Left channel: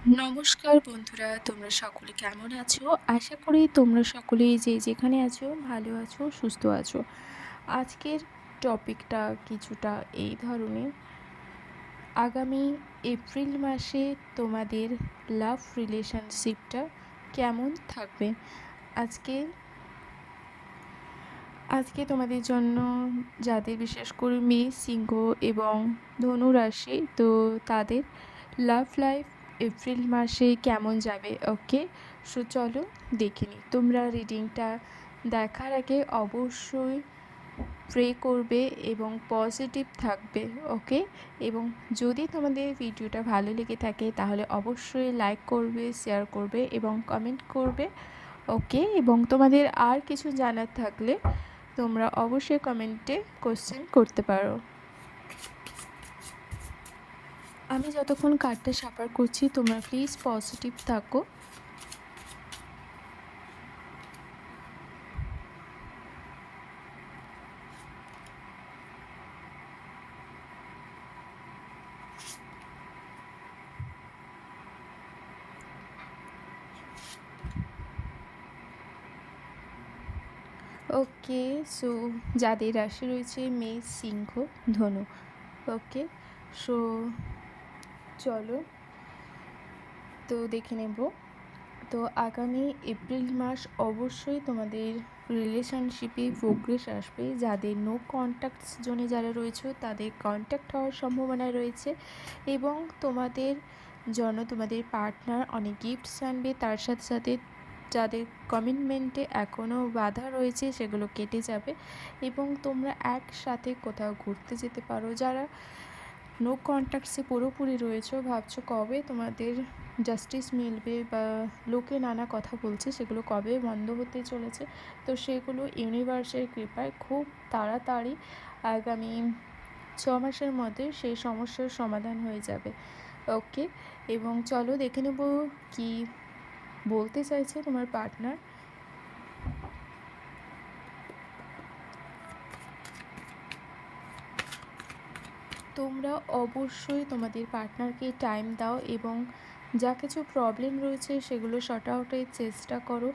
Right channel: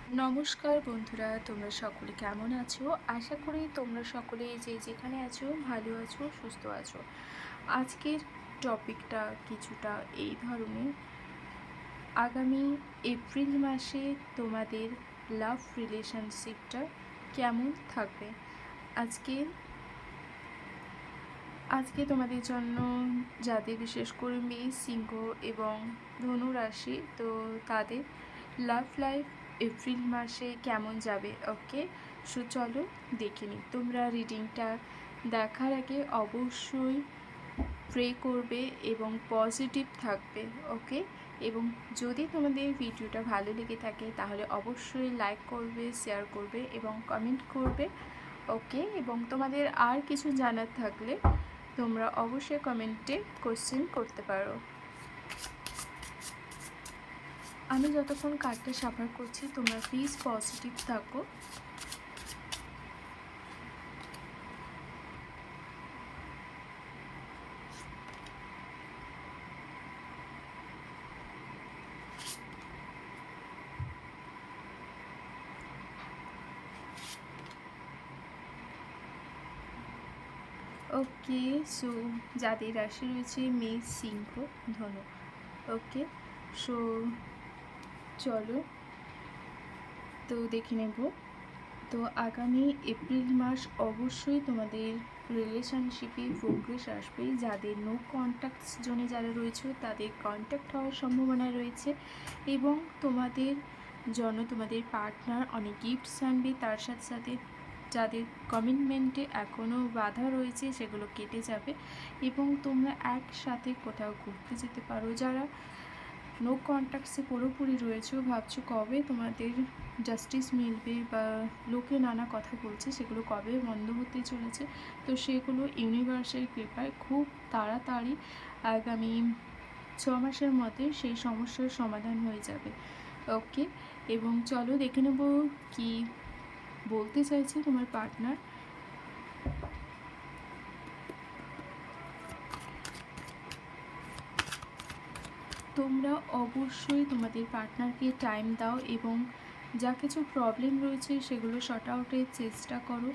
নমস্কার বন্ধুরা, তোমরা সকলে কেমন আছো? আশা করি তোমরা সকলেই যে যেখানে আছো ভালো আছো, সুস্থ আছো। আজকের টপিকটা কিছুটা এই ধরনের। আগামী এপ্রিল মাসে তোমাদের লাভ রিলেশনশিপটা কেমন থাকবে? আজকে আজকে তোমাদের জন্য যাদের বিশেষ করে মেষ, সিংহ এবং ধনু রাশি, তো তাদের লাভ লাইফ এপ্রিল মাসে কেমন যাবে। ওকে, সো চলো দেখে নিই। তোমরা রিডিংটা দেখার আগে অবশ্যই প্রে করবে এবং পজিটিভ থাকবে। ওকে, এবং যদি তোমাদের ভিডিওটা ভালো লেগে থাকে তাহলে অবশ্যই লাইক করবে, শেয়ার করবে এবং কমেন্ট করবে। ওকে, এবং তোমাদের আর কিছু জানার থাকলে তোমরা অবশ্যই কমেন্টে কোশ্চেন করতে পারো। আমি যতক্ষণ কার্ডটা সাফার করছি তোমরা প্লিজ পজিটিভ থাকো। ওকে, সো যাদের রাশি রয়েছে মেষ, সিংহ, ধনু। ওকে, সো চলো তো দেখে নেব। তো আগামী এপ্রিল মাস অবশ্যই তোমাদের রিলেশনশিপে প্রোগ্রেস আসবে। যাদের নো কন্ট্যাক্ট জোনে যারা রয়েছে তাদের কন্ট্যাক্ট হওয়ার সম্ভাবনা রয়েছে, এবং তোমাদের জন্য তোমাদের পার্টনার অনেক গিফটস আনবে। তার সাথে সাথে যাদের কমিটমেন্টে এখনও বাধা রয়েছে সেগুলো কেটে যাবে, এবং তোমরা একসাথে কোথাও ঘুরতে যেতে পারো। যারা নো কন্ট্যাক্টসে পুরোপুরি রয়েছে, ভাবছো কবে তোমাদের জাস্টিস মিলবে বা লোকে নানা কথা বলছে সেগুলো কবে বন্ধ হতে চলেছে, তো সেগুলো ইউনিভার্সের কৃপায় খুব তাড়াতাড়ি আগামী 6 মাসের মধ্যে সেই সমস্যার সমাধান হয়ে যাবে। ওকে, এবং চলো দেখে নেব কি বলতে চাইছে তোমার পার্টনার। তোমরা অবশ্যই তোমাদের পার্টনারকে টাইম দাও এবং যা কিছু প্রবলেম রয়েছে সেগুলো শর্ট আউটের চেষ্টা করো।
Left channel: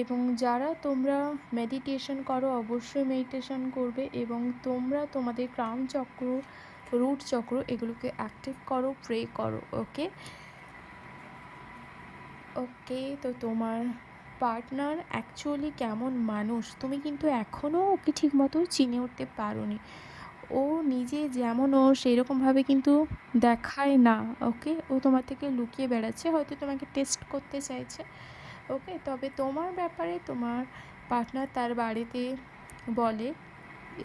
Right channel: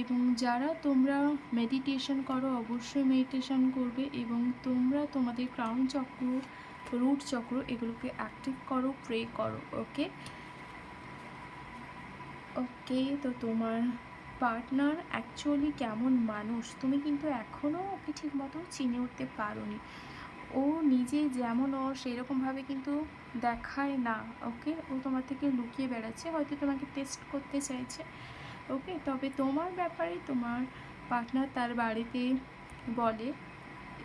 এবং যারা তোমরা মেডিটেশন করো অবশ্যই মেডিটেশন করবে, এবং তোমরা তোমাদের ক্রাউন চক্র, রুট চক্র এগুলোকে অ্যাক্টিভ করো, প্রে করো। ওকে ওকে, তো তোমার পার্টনার অ্যাকচুয়ালি কেমন মানুষ তুমি কিন্তু এখনও ওকে ঠিকমতো চিনে উঠতে পারোনি। ও নিজে যেমন ও সেরকমভাবে কিন্তু দেখায় না। ওকে, ও তোমার থেকে লুকিয়ে বেড়াচ্ছে, হয়তো তোমাকে টেস্ট করতে চাইছে। ওকে, তবে তোমার ব্যাপারে তোমার পার্টনার তার বাড়িতে বলে,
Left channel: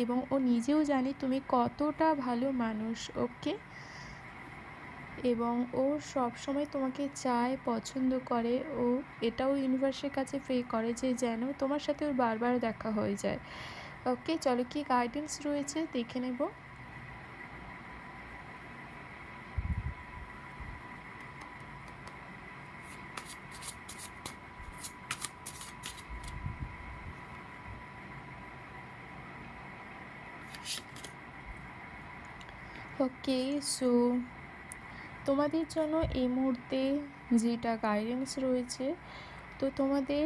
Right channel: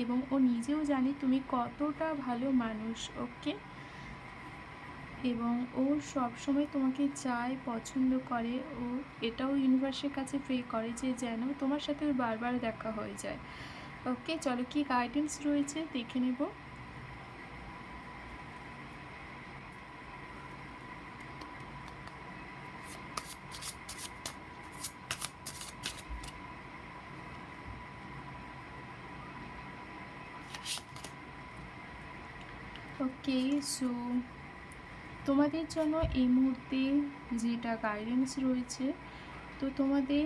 এবং ও নিজেও জানে তুমি কতটা ভালো মানুষ। ওকে, এবং ও সবসময় তোমাকে চায়, পছন্দ করে। ও এটাও ইউনিভার্সের কাছে প্রে করে যে যেন তোমার সাথে ওর বারবার দেখা হয়ে যায়। ওকে, চলো কি গাইডেন্স রয়েছে দেখে নেব। ওকে, সো তোমাদের জন্য এই মুহূর্তে যেটা গাইডেন্স রয়েছে, তো তোমাদের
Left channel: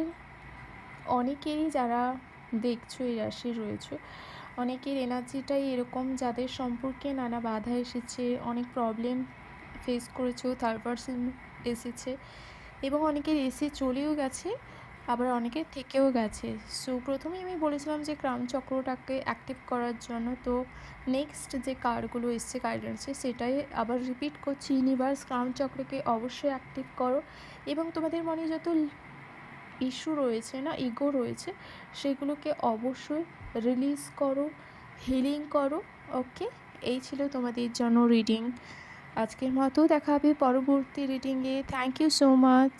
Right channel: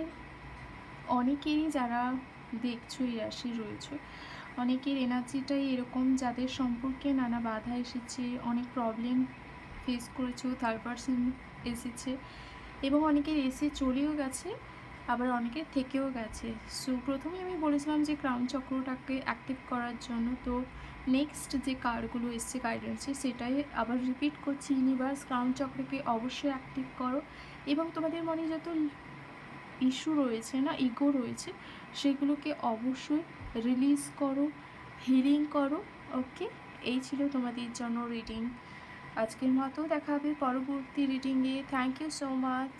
অনেকেরই যারা দেখছো এই রাশি রয়েছে, অনেকের এনার্জিটাই এরকম যাদের সম্পর্কে নানা বাধা এসেছে, অনেক প্রবলেম ফেস করেছো, থার্ড পারসন এসেছে, এবং অনেকের এসে চলেও গেছে, আবার অনেকের থেকেও গেছে। সো প্রথমেই আমি বলেছিলাম যে ক্রাউন চক্রটাকে অ্যাক্টিভ করার জন্য, তো নেক্সট যে কার্ডগুলো এসছে গাইডেন্সে সেটাই আবার রিপিট করছি। ইউনিভার্স ক্রাউন চক্রকে অবশ্যই অ্যাক্টিভ করো, এবং তোমাদের মনে যত ইস্যু রয়েছে না, ইগো রয়েছে, সেগুলোকে অবশ্যই রিলিজ করো, হিলিং করো। ওকে, এই ছিল তোমাদের জন্য রিডিং। আজকের মতো দেখা হবে পরবর্তী রিডিংয়ে। Thank you so much.